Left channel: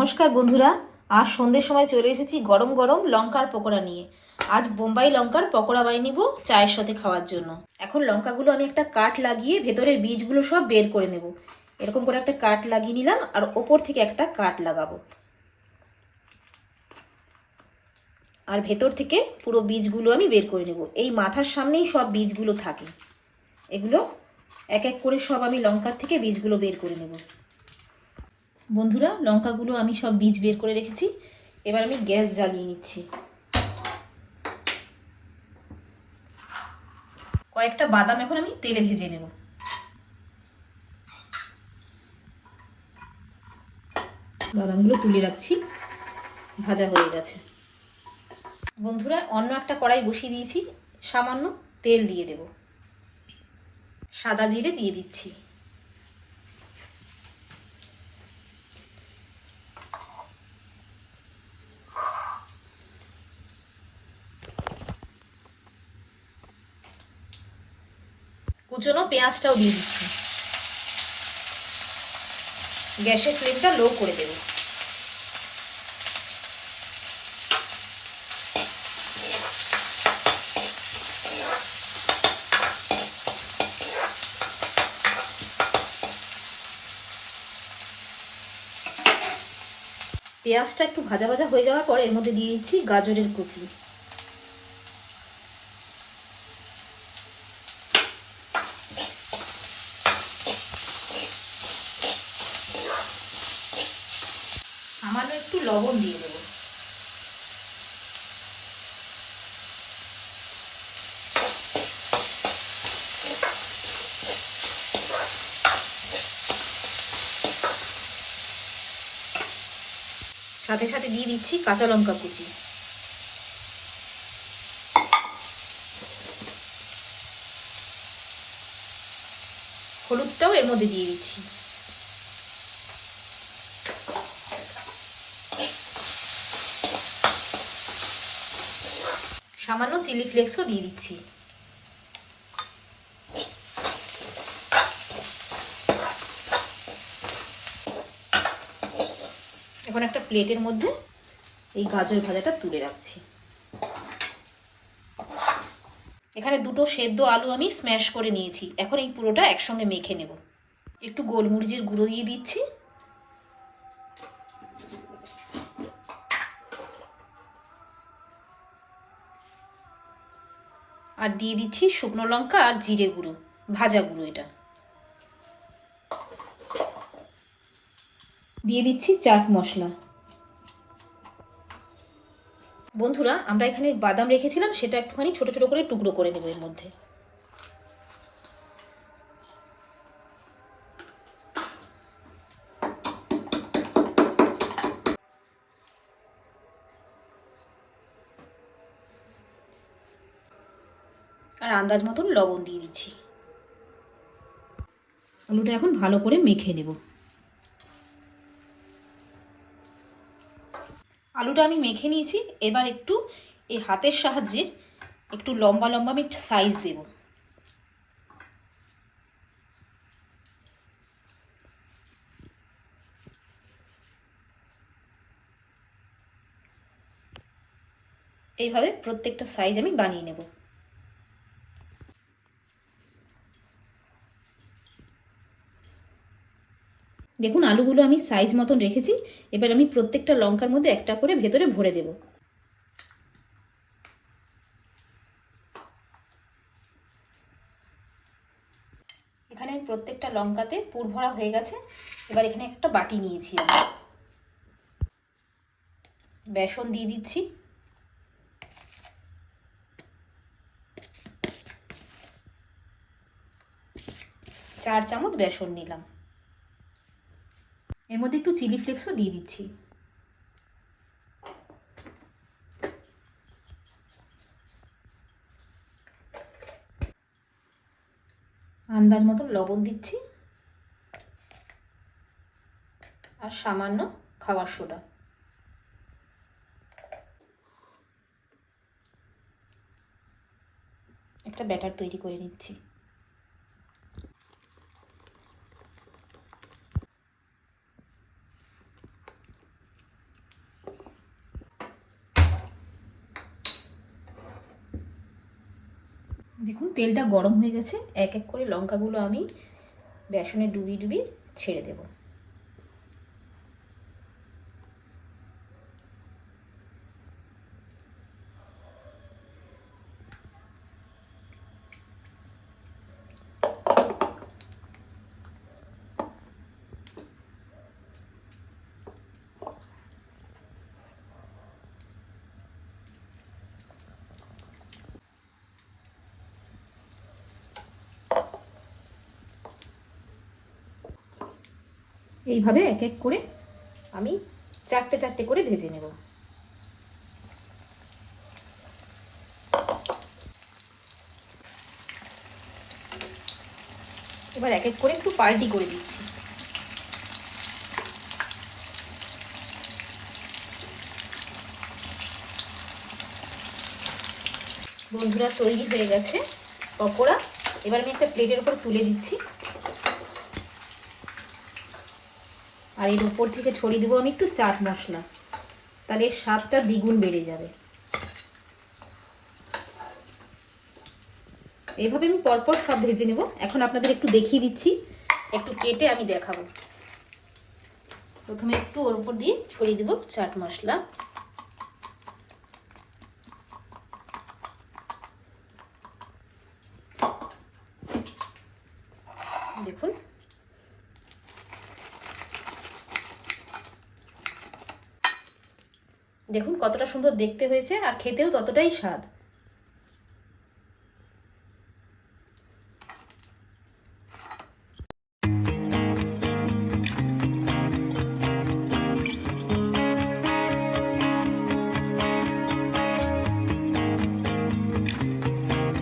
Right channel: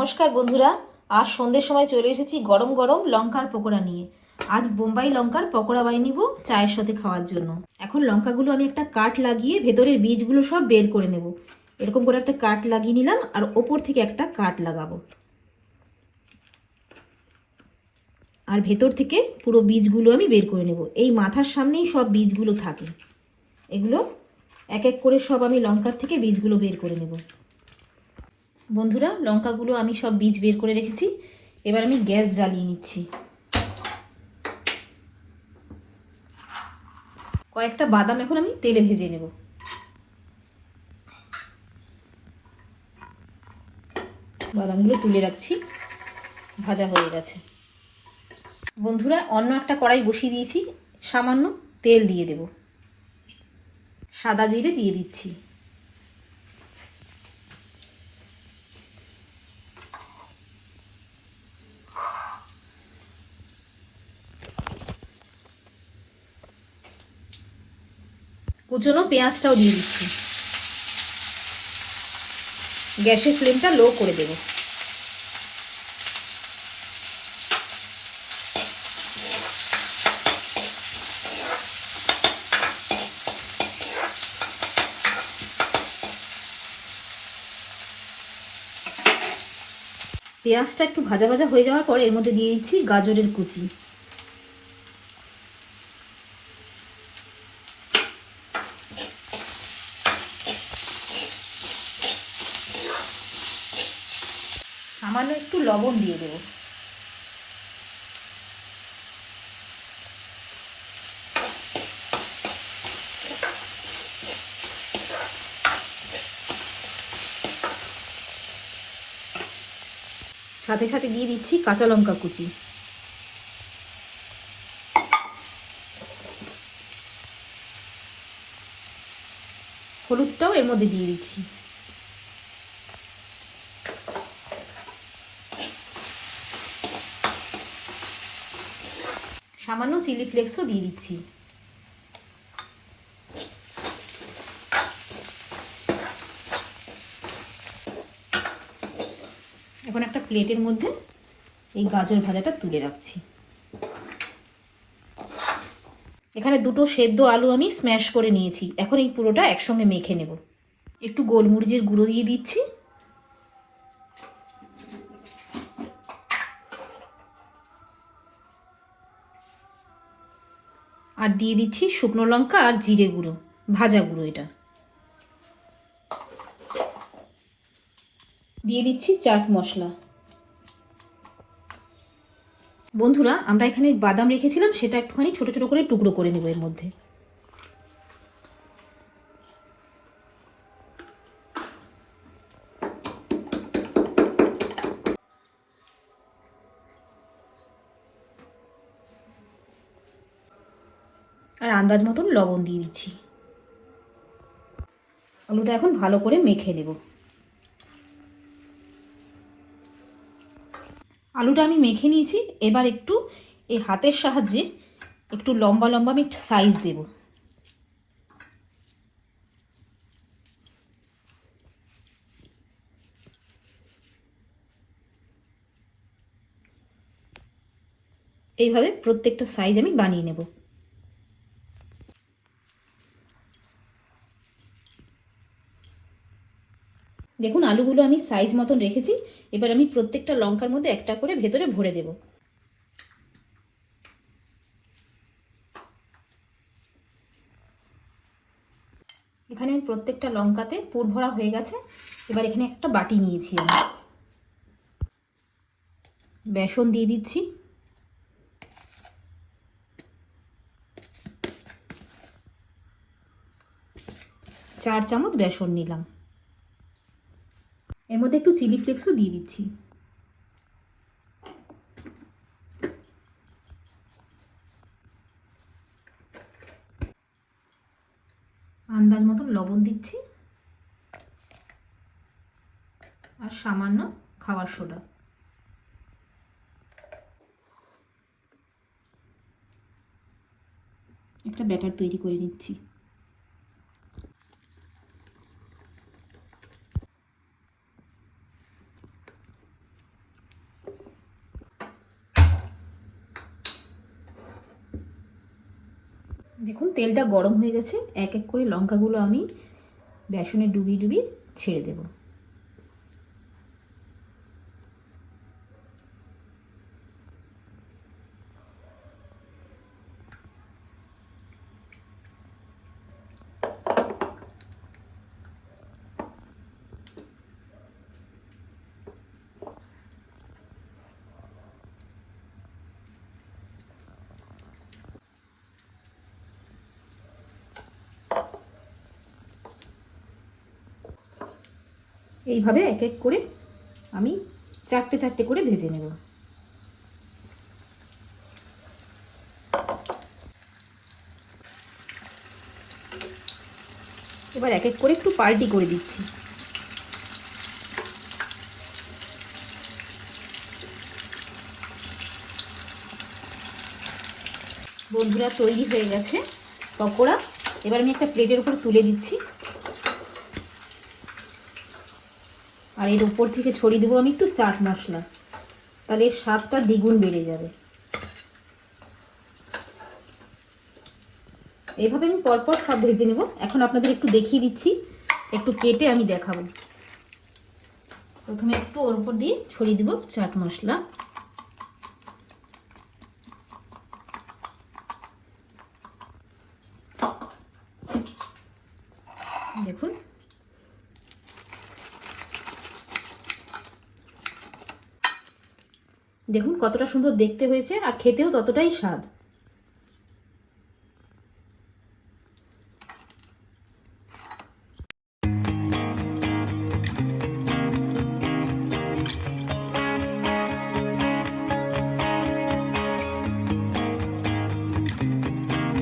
নমস্কার বন্ধুরা, আজ সন্ধ্যের সময় চলে এসেছি গরম গরম লঙ্কার পকোড়া নিয়ে। আজ বোম্বাই লঙ্কার পকোড়া বানিয়ে নিব চায়ের সাথে খাওয়ার জন্য। এখন লঙ্কাগুলো আমি একটা কাট লাগিয়ে ভেতরের বীজগুলো সব বের করে নেব। এরকম করে একটা কাট লাগিয়ে নিলাম আর ওপর থেকে একটা কাট লাগাবো, আর ভেতর থেকে পুরো বীজগুলো আমি বের করে নেব। এই মাথার সামনেই সব বীজগুলো থাকে, এগুলো এক এক করে সব আমি লঙ্কার থেকে বীজগুলো বের করে নেব। বন্ধুরা, লঙ্কাগুলো আমি সব বীজ বের করে রেখেছি। এবার আমি গ্যাস জ্বালিয়ে নিচ্ছি। কয়েকটা বাদাম এখন আমি তেলে ভেজে নেব। বাদামগুলো তুলে রাখছি, ভাজা হয়ে গেছে। বন্ধুরা, অন্য একটা কড়াই বসিয়ে দিয়েছি, সামান্য তেল দিয়ে দেব। সাদা জিরে দিয়ে দিচ্ছি। কুচনো পেঁয়াজটাও দিয়ে দিচ্ছি। গ্যাসের ফ্লেমটা লো করে দেব। পেঁয়াজটা একটু ভাজা ভাজা হয়ে যাওয়ার পর এর মধ্যে দিয়ে দিচ্ছি গাজরের কুচি। সামান্য একটু লবণ দিয়ে দেবো। সাথে সাথে দিয়ে দিচ্ছি কাঁচা লঙ্কা কুচি। হলুদটাও এর মধ্যে দিয়ে দিচ্ছি। সামান্য চিলি ফ্লেক্সও দিয়ে দিচ্ছি। এখন একটা প্লেটের মধ্যে এই গাজর ভাজাটা তুলে রাখছি। এখানে দুটো সেদ্ধ আলু আমি স্ম্যাশ করে নিয়েছি। এখন এই পুরোটা একসঙ্গে মেখে নেব। একটু গোলমরিচের গুঁড়ো দিয়ে দিচ্ছি। আর দিয়ে দিচ্ছি শুকনো লঙ্কা আর জিরে গুঁড়ো, ভাজা গুঁড়ো। এটা দিয়ে দিচ্ছি চাট মশলা। বন্ধুরা, আমরা এখানে বাদাম রেখেছিলাম, সেটা একটুখানি ছোট ছোট করে টুকরো করে নেব এর মধ্যে। আর আন্দাজ মতন লবণ দিয়ে দিচ্ছি। আলুটা এখন ভালো করে মেখে নেব। আলুটা আমি মেখে নিয়েছি। এবার একটু এই হাতের সাহায্যে একটু লম্বা লম্বা আমি সাইজ দেব। এইভাবে প্রত্যেকটা সাইজ আমি বানিয়ে নেব। দেখুন, আলুগুলো আমি সাইজ মতন রেখেছি। এবার আমি প্রত্যেকটা লঙ্কার মধ্যে একটা করে ভেতরে ভরে দেব। এখানে প্রত্যেকটা লঙ্কাতে পুর ভরা হয়ে গেছে। এবার এখানে একটা বাটি নিয়েছি আমি। বেসন দিয়ে দিচ্ছি। চার চামচ বেসন নিলাম। এর মধ্যে একটু চিলি ফ্লেক্সও দিয়ে দিচ্ছি। আন্দাজ মতো লবণ দিচ্ছি আর সামান্য খাবার সোডা। একটা ব্যাটার তৈরি করে নিচ্ছি। দেখুন তেলটা গরম হয়ে গেছে, এক এক করে লঙ্কাগুলো আমি বেসনে ডুবিয়ে ডুবিয়ে ছেড়ে দেব। এইভাবে এক এক করে আমি চারটে চারটে করে ভেজে নেব। এবার এক এক করে একটু পাল্টি করে দিচ্ছি। বন্ধুরা, তৈরি হয়ে গেছে পকোড়া। এবার আমি একটা প্লেটের উপর তুলে দিচ্ছি, আর এর উপর থেকে ছড়িয়ে দেবো আমি একটু চাট মশলা, তাহলে এর স্বাদটা দ্বিগুণ বেড়ে যাবে। এইভাবে আমি পরপর সব ভেজে নেব। এখন আপনাদের একটু দেখিয়ে দিচ্ছি, একটু কেটে আমি দেখাবো। প্রথমে একটু ওর উপর দিয়ে ছড়িয়ে দেব চাট মশলা। দেখুন, দেখুন কতটা সুন্দর দেখতে হয়েছে, আর খেতেও ততটাই স্বাদ।